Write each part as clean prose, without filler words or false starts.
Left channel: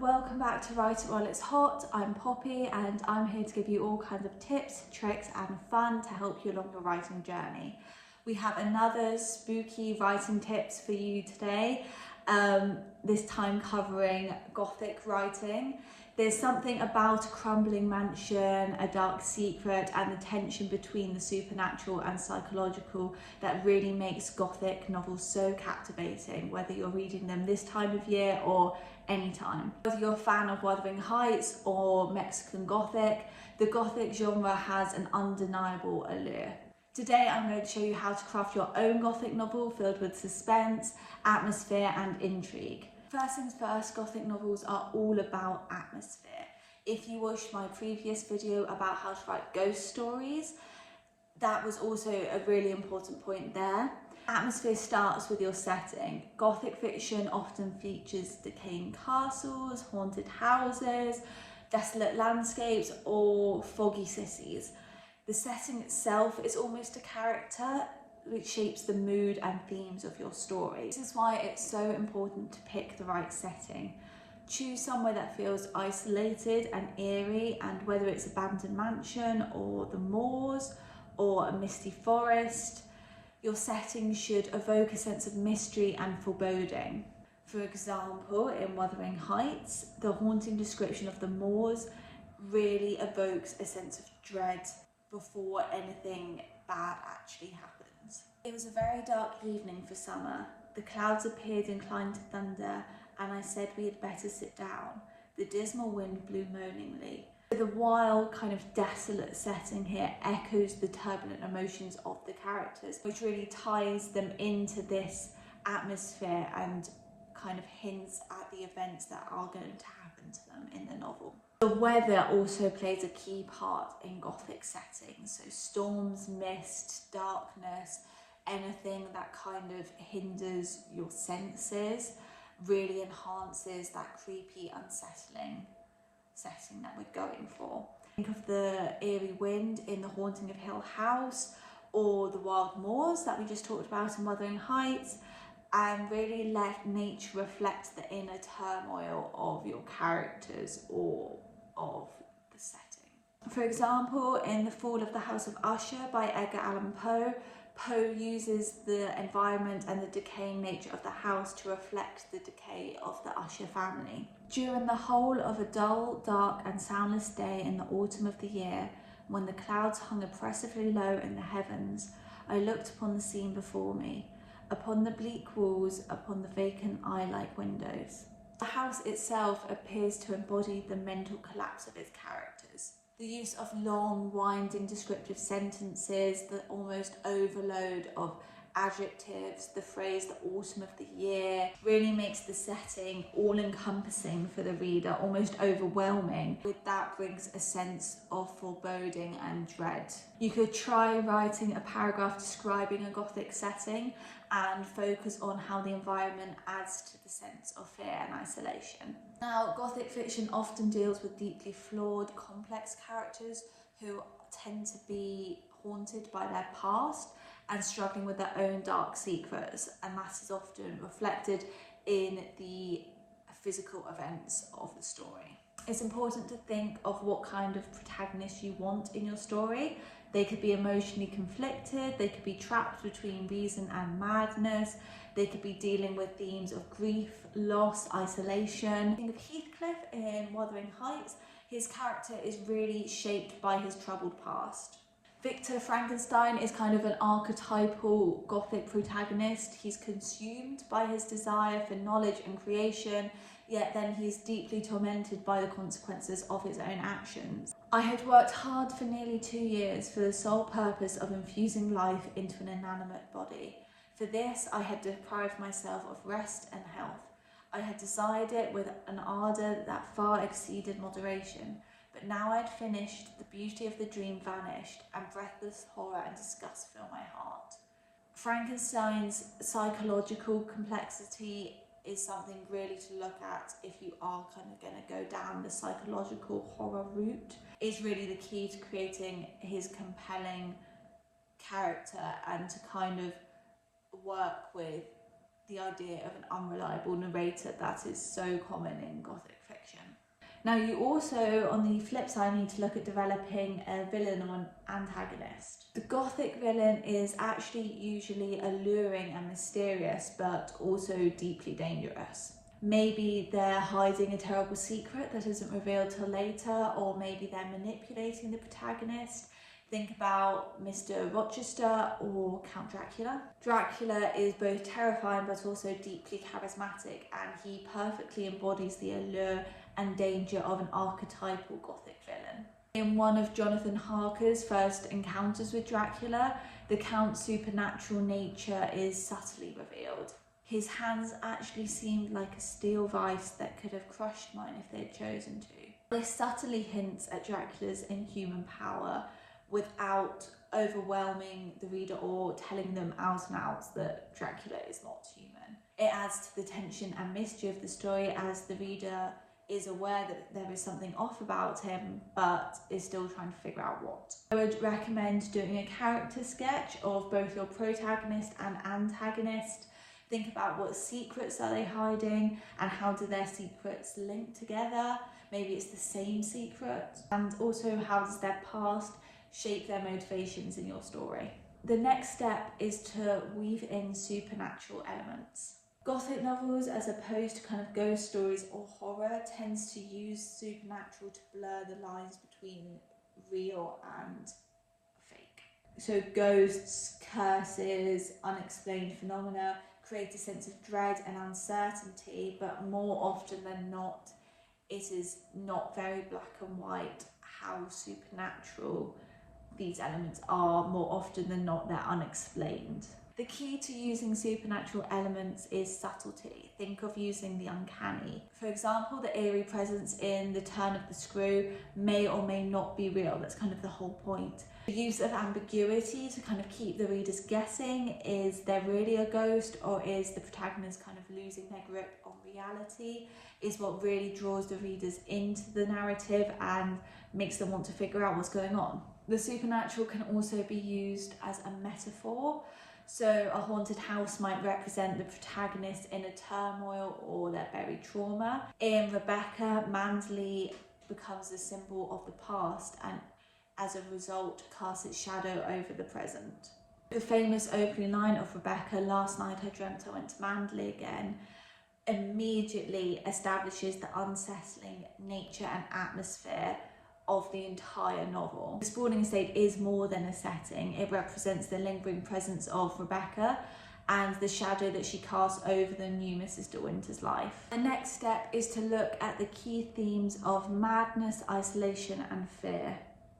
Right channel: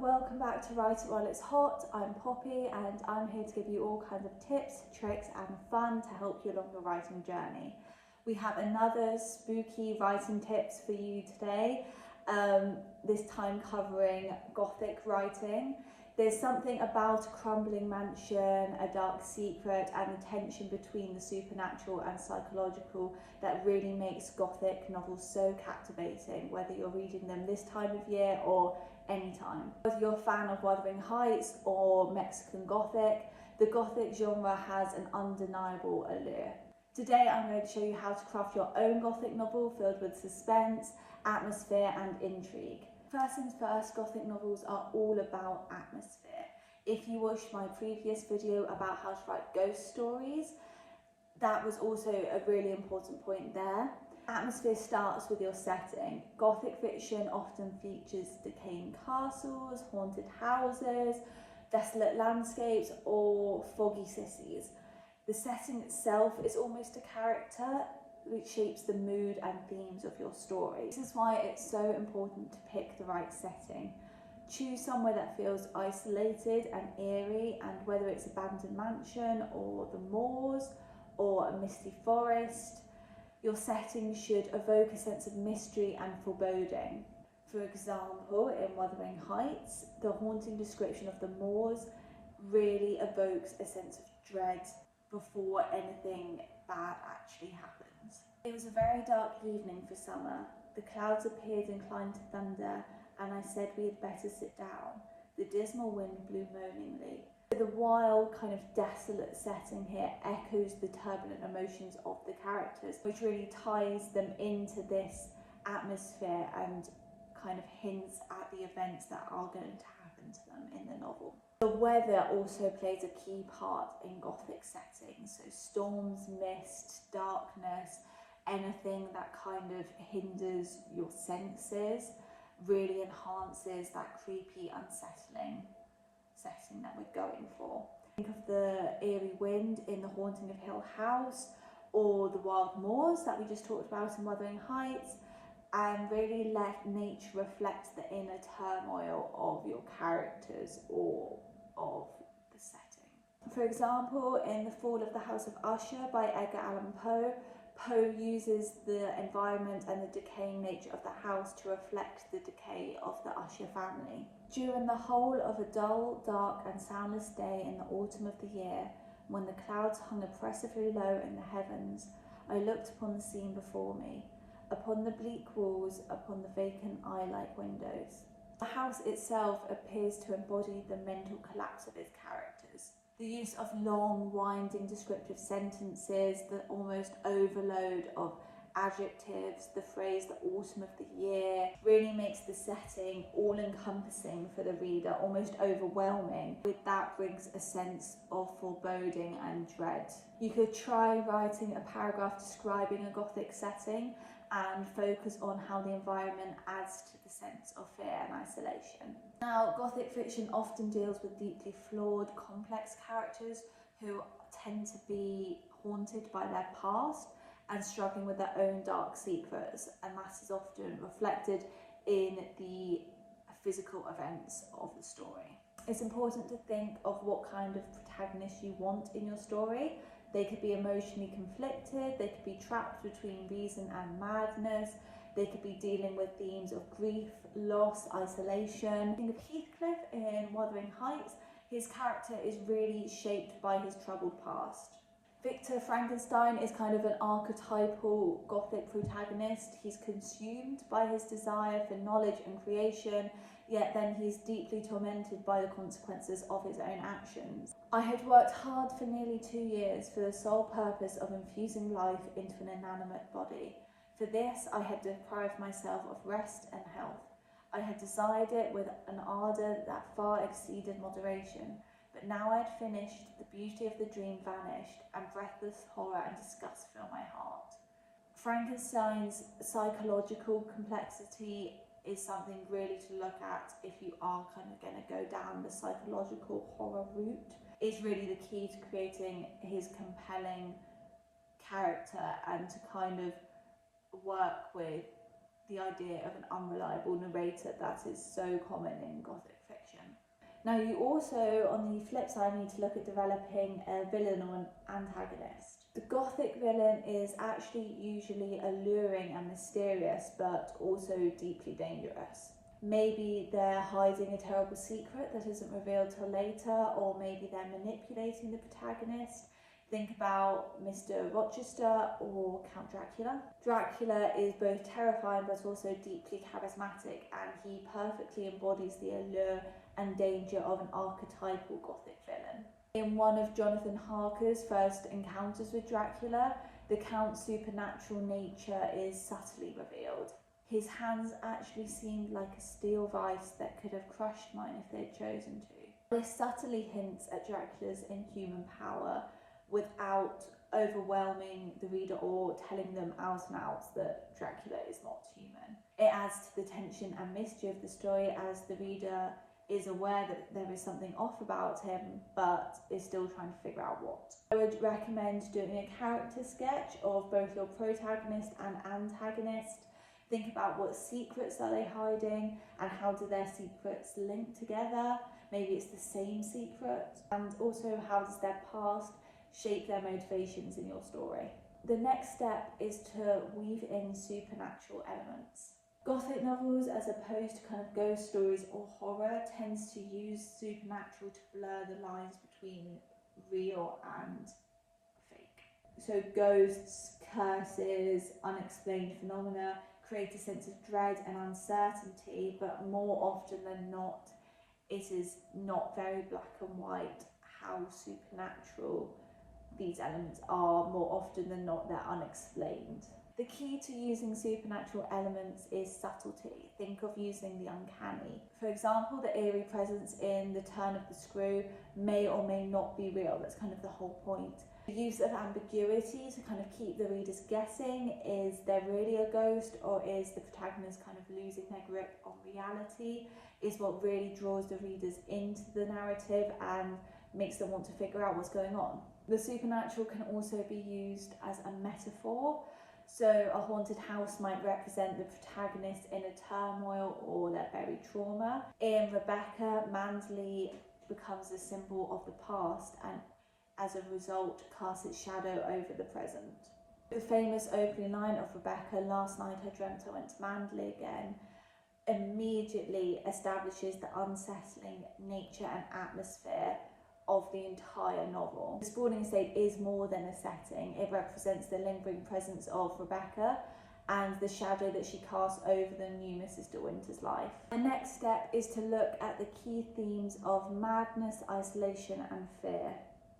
welcome back to Write It While It's Hot. I'm Poppy and I'm here to give you all kinds of tips, tricks and fun to help you along your writing journey. We have another spooky writing tips for you today, this time covering Gothic writing. There's something about a crumbling mansion, a dark secret and the tension between the supernatural and psychological that really makes Gothic novels so captivating, whether you're reading them this time of year or any time. Whether you're a fan of Wuthering Heights or Mexican Gothic, the Gothic genre has an undeniable allure. Today I'm going to show you how to craft your own Gothic novel filled with suspense, atmosphere and intrigue. First things first, Gothic novels are all about atmosphere. If you watched my previous video about how to write ghost stories, that was also a really important point there. Atmosphere starts with your setting. Gothic fiction often features decaying castles, haunted houses, desolate landscapes or foggy cities. The setting itself is almost a character which shapes the mood and themes of your story. This is why it's so important to pick the right setting. Choose somewhere that feels isolated and eerie, and whether it's abandoned mansion or the moors or a misty forest, your setting should evoke a sense of mystery and foreboding. For example, in Wuthering Heights, the haunting description of the moors really evokes a sense of dread before anything bad actually happens. It was a very dark evening for summer. The clouds appeared inclined to thunder, and I said we had better sit down. The dismal wind blew moaningly. The wild, kind of desolate setting here echoes the turbulent emotions of the characters, which really ties them into this atmosphere and kind of hints at the events that are going to happen to them in the novel. The weather also plays a key part in Gothic settings, so storms, mist, darkness, anything that kind of hinders your senses really enhances that creepy, unsettling setting that we're going for. Think of the eerie wind in The Haunting of Hill House or the wild moors that we just talked about in Wuthering Heights, and really let nature reflect the inner turmoil of your characters or of the setting. For example, in The Fall of the House of Usher by Edgar Allan Poe, Poe uses the environment and the decaying nature of the house to reflect the decay of the Usher family. During the whole of a dull, dark and soundless day in the autumn of the year, when the clouds hung oppressively low in the heavens, I looked upon the scene before me, upon the bleak walls, upon the vacant eye-like windows. The house itself appears to embody the mental collapse of its characters. The use of long, winding descriptive sentences, the almost overload of adjectives, the phrase the autumn of the year really makes the setting all-encompassing for the reader, almost overwhelming. With that brings a sense of foreboding and dread. You could try writing a paragraph describing a Gothic setting and focus on how the environment adds to the sense of fear and isolation. Now, Gothic fiction often deals with deeply flawed, complex characters who tend to be haunted by their past and struggling with their own dark secrets, and that is often reflected in the physical events of the story. It's important to think of what kind of protagonist you want in your story. They could be emotionally conflicted, they could be trapped between reason and madness, they could be dealing with themes of grief, loss, isolation. Think of Heathcliff in Wuthering Heights. His character is really shaped by his troubled past. Victor Frankenstein is kind of an archetypal Gothic protagonist. He's consumed by his desire for knowledge and creation, yet then he's deeply tormented by the consequences of his own actions. I had worked hard for nearly 2 years for the sole purpose of infusing life into an inanimate body. For this, I had deprived myself of rest and health. I had desired it with an ardour that far exceeded moderation. But now I had finished, the beauty of the dream vanished, and breathless horror and disgust filled my heart. Frankenstein's psychological complexity is something really to look at if you are kind of going to go down the psychological horror route. It's really the key to creating his compelling character and to kind of work with the idea of an unreliable narrator that is so common in Gothic fiction. Now you also, on the flip side, need to look at developing a villain or an antagonist. The Gothic villain is actually usually alluring and mysterious, but also deeply dangerous. Maybe they're hiding a terrible secret that isn't revealed till later, or maybe they're manipulating the protagonist. Think about Mr. Rochester or Count Dracula. Dracula is both terrifying but also deeply charismatic, and he perfectly embodies the allure and danger of an archetypal Gothic villain. In one of Jonathan Harker's first encounters with Dracula, the Count's supernatural nature is subtly revealed. His hands actually seemed like a steel vice that could have crushed mine if they'd chosen to. This subtly hints at Dracula's inhuman power without overwhelming the reader or telling them out and out that Dracula is not human. It adds to the tension and mystery of the story, as the reader is aware that there is something off about him, but is still trying to figure out what. I would recommend doing a character sketch of both your protagonist and antagonist. Think about what secrets are they hiding and how do their secrets link together. Maybe it's the same secret. And also, how does their past shape their motivations in your story? The next step is to weave in supernatural elements. Gothic novels, as opposed to kind of ghost stories or horror, tends to use supernatural to blur the lines between real and fake. So ghosts, curses, unexplained phenomena create a sense of dread and uncertainty, but more often than not, it is not very black and white how supernatural these elements are. More often than not, they're unexplained. The key to using supernatural elements is subtlety. Think of using the uncanny. For example, the eerie presence in The Turn of the Screw may or may not be real. That's kind of the whole point. The use of ambiguity to kind of keep the readers guessing. Is there really a ghost, or is the protagonist kind of losing their grip on reality? Is what really draws the readers into the narrative and makes them want to figure out what's going on. The supernatural can also be used as a metaphor. So a haunted house might represent the protagonist in a turmoil or their buried trauma. In Rebecca, Manderley becomes a symbol of the past and as a result casts its shadow over the present. The famous opening line of Rebecca, "Last night I dreamt I went to Manderley again," immediately establishes the unsettling nature and atmosphere of the entire novel. The Spalding estate is more than a setting. It represents the lingering presence of Rebecca and the shadow that she casts over the new Mrs. De Winter's life. The next step is to look at the key themes of madness, isolation, and fear.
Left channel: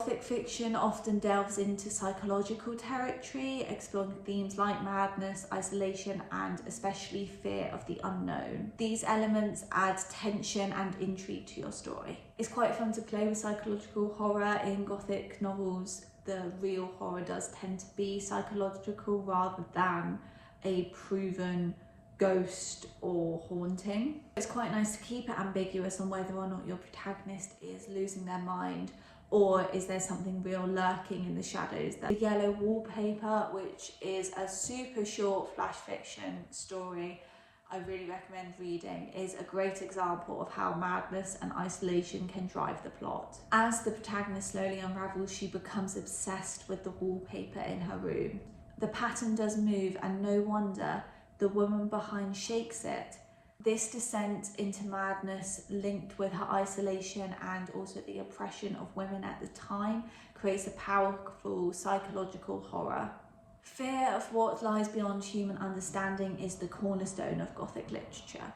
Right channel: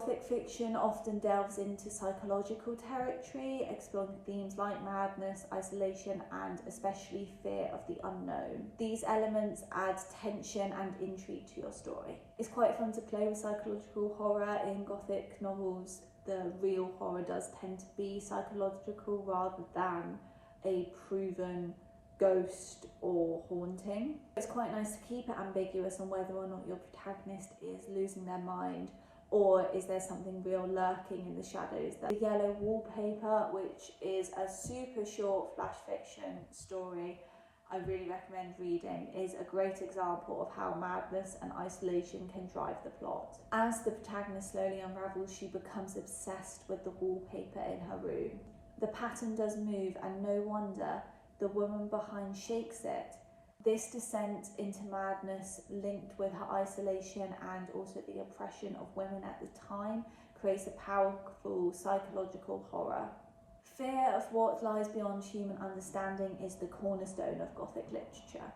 Gothic fiction often delves into psychological territory, exploring themes like madness, isolation, and especially fear of the unknown. These elements add tension and intrigue to your story. It's quite fun to play with psychological horror. In Gothic novels, the real horror does tend to be psychological rather than a proven ghost or haunting. It's quite nice to keep it ambiguous on whether or not your protagonist is losing their mind, or is there something real lurking in the shadows. The Yellow Wallpaper, which is a super short flash fiction story I really recommend reading, is a great example of how madness and isolation can drive the plot. As the protagonist slowly unravels, she becomes obsessed with the wallpaper in her room. The pattern does move, and no wonder the woman behind shakes it. This descent into madness, linked with her isolation and also the oppression of women at the time, creates a powerful psychological horror. Fear of what lies beyond human understanding is the cornerstone of Gothic literature.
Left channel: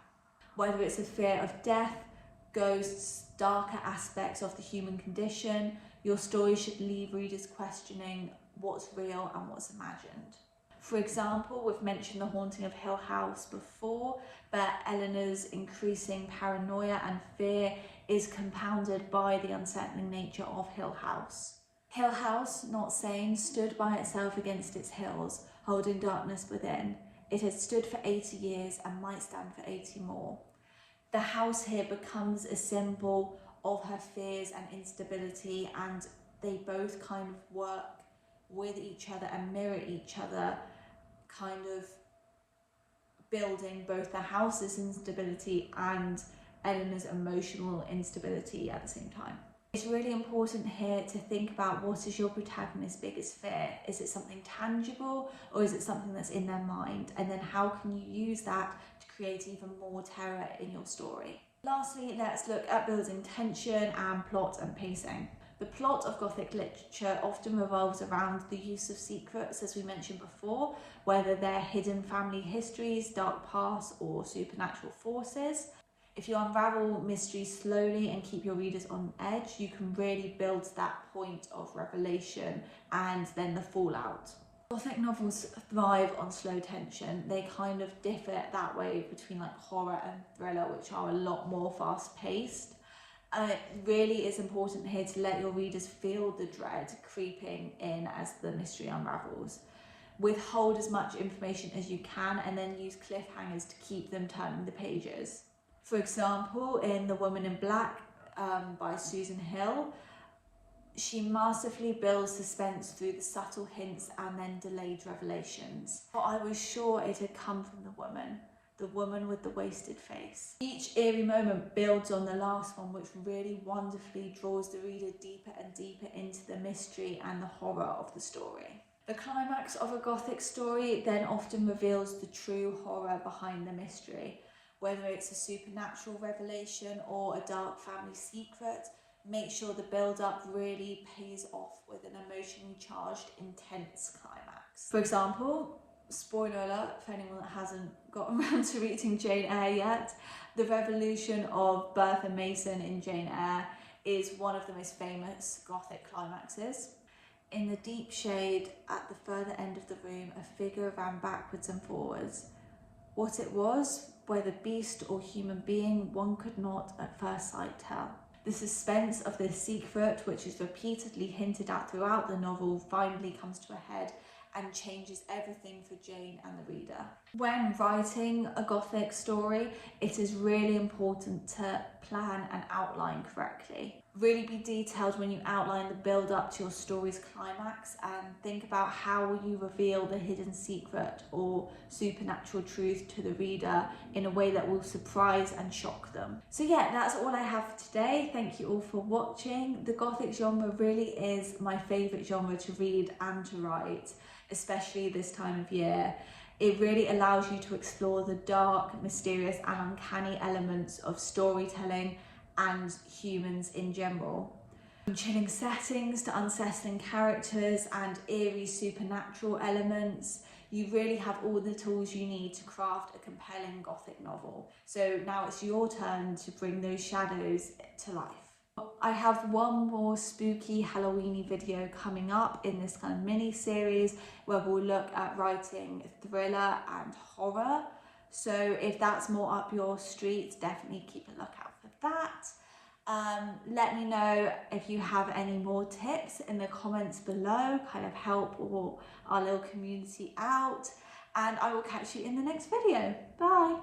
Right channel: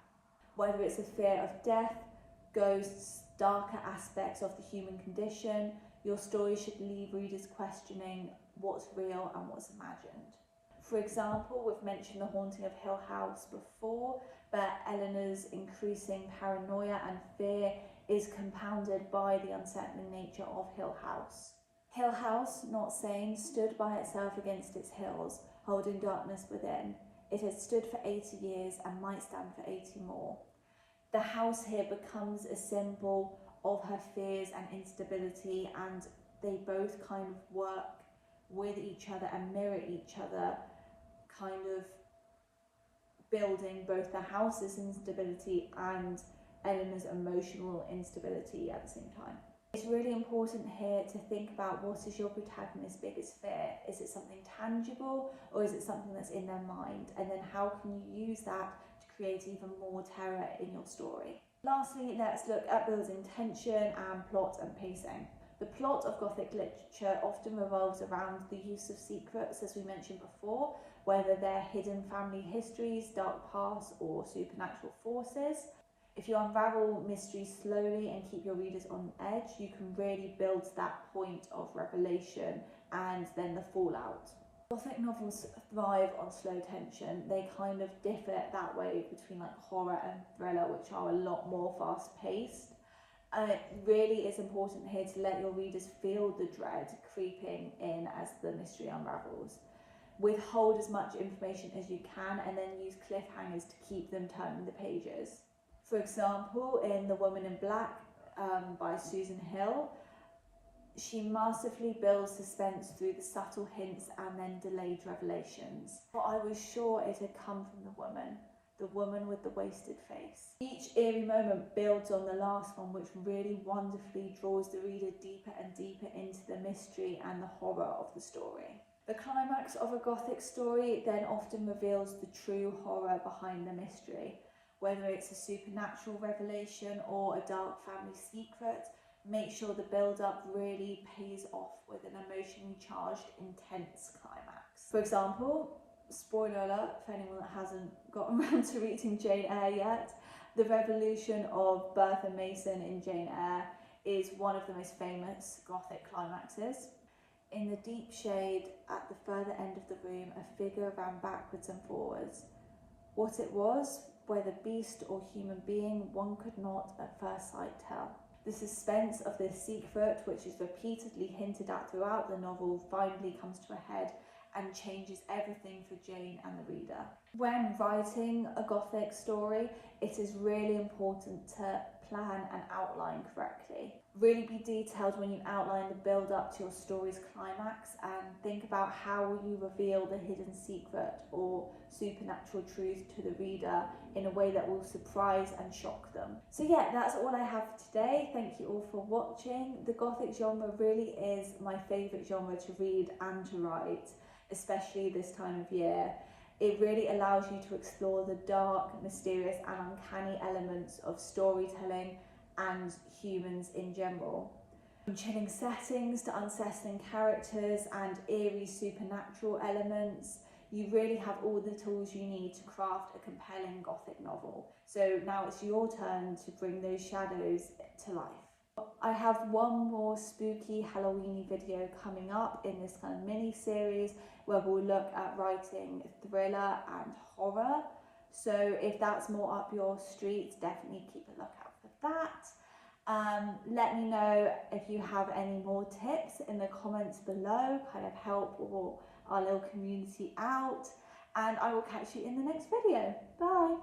Whether it's a fear of death, ghosts, darker aspects of the human condition, your story should leave readers questioning what's real and what's imagined. For example, we've mentioned The Haunting of Hill House before, but Eleanor's increasing paranoia and fear is compounded by the unsettling nature of Hill House. Hill House, not sane, stood by itself against its hills, holding darkness within. It had stood for 80 years and might stand for 80 more. The house here becomes a symbol of her fears and instability, and they both kind of work with each other and mirror each other, kind of building both the house's instability and Eleanor's emotional instability at the same time. It's really important here to think about, what is your protagonist's biggest fear? Is it something tangible, or is it something that's in their mind? And then how can you use that to create even more terror in your story? Lastly, let's look at building tension and plot and pacing. The plot of Gothic literature often revolves around the use of secrets, as we mentioned before, whether they're hidden family histories, dark pasts, or supernatural forces. If you unravel mysteries slowly and keep your readers on edge, you can really build that point of revelation and then the fallout. Gothic novels thrive on slow tension. They kind of differ that way between like horror and thriller, which are a lot more fast-paced. It really is important here to let your readers feel the dread creeping in as the mystery unravels. Withhold as much information as you can and then use cliffhangers to keep them turning the pages. For example, in The Woman in Black by Susan Hill, she masterfully builds suspense through the subtle hints and then delayed revelations. But I was sure it had come from the woman with the wasted face. Each eerie moment builds on the last one, which really wonderfully draws the reader deeper and deeper into the mystery and the horror of the story. The climax of a Gothic story then often reveals the true horror behind the mystery. Whether it's a supernatural revelation or a dark family secret, make sure the build-up really pays off with an emotionally charged, intense climax. For example, spoiler alert for anyone that hasn't gotten around to reading Jane Eyre yet, the revolution of Bertha Mason in Jane Eyre is one of the most famous Gothic climaxes. In the deep shade at the further end of the room, a figure ran backwards and forwards. What it was, whether beast or human being, one could not at first sight tell. The suspense of this secret, which is repeatedly hinted at throughout the novel, finally comes to a head and changes everything for Jane and the reader. When writing a Gothic story, it is really important to plan and outline correctly. Really be detailed when you outline the build up to your story's climax, and think about how will you reveal the hidden secret or supernatural truth to the reader in a way that will surprise and shock them. So yeah, that's all I have for today. Thank you all for watching. The Gothic genre really is my favourite genre to read and to write, especially this time of year. It really allows you to explore the dark, mysterious and uncanny elements of storytelling and humans in general. From chilling settings to unsettling characters and eerie supernatural elements, you really have all the tools you need to craft a compelling Gothic novel. So now it's your turn to bring those shadows to life. I have one more spooky Halloweeny video coming up in this kind of mini series where we'll look at writing thriller and horror. So if that's more up your street, definitely keep a lookout for that. Let me know if you have any more tips in the comments below, kind of help our little community out, and I will catch you in the next video. Bye.